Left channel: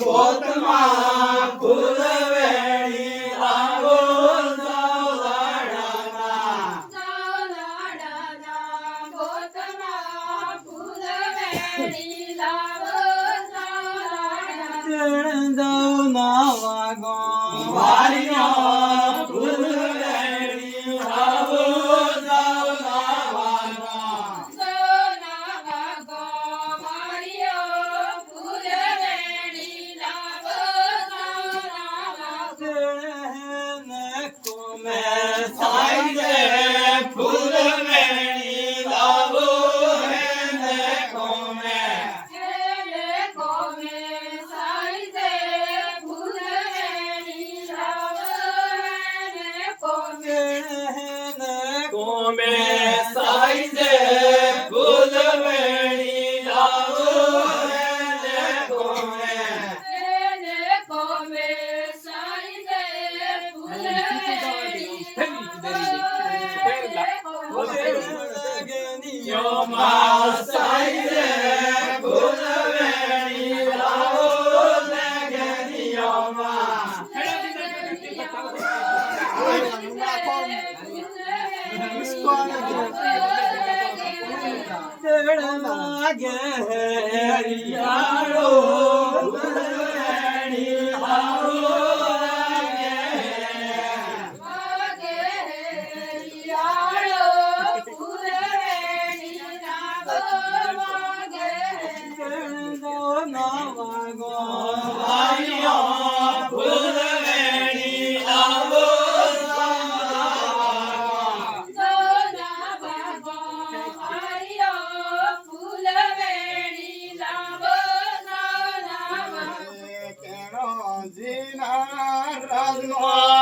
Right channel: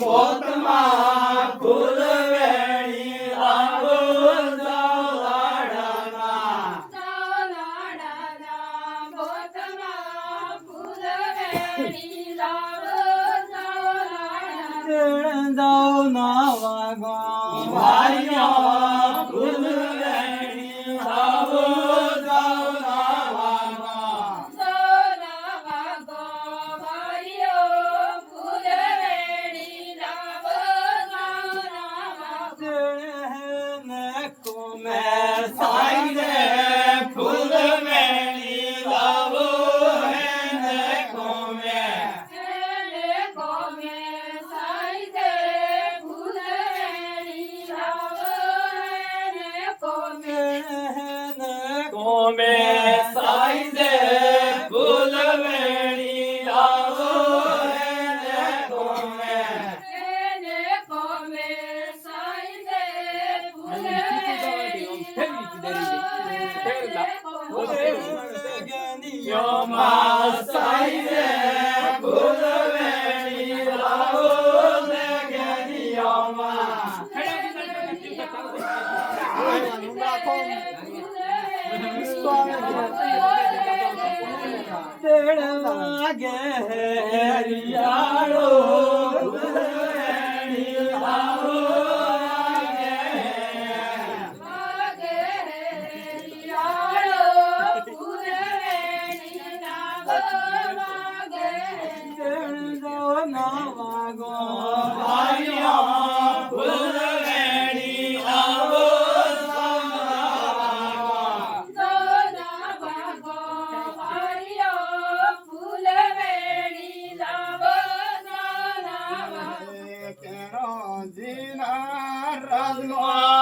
Put them on, put them जाऊ ना वागा Ume sayde bulmen ilahu ene kome. Ene kome sayde bulmen ilahu ene kome. Yoma sayde तेड़ लागे हरियाणो Allah.